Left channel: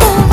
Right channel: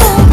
Oh.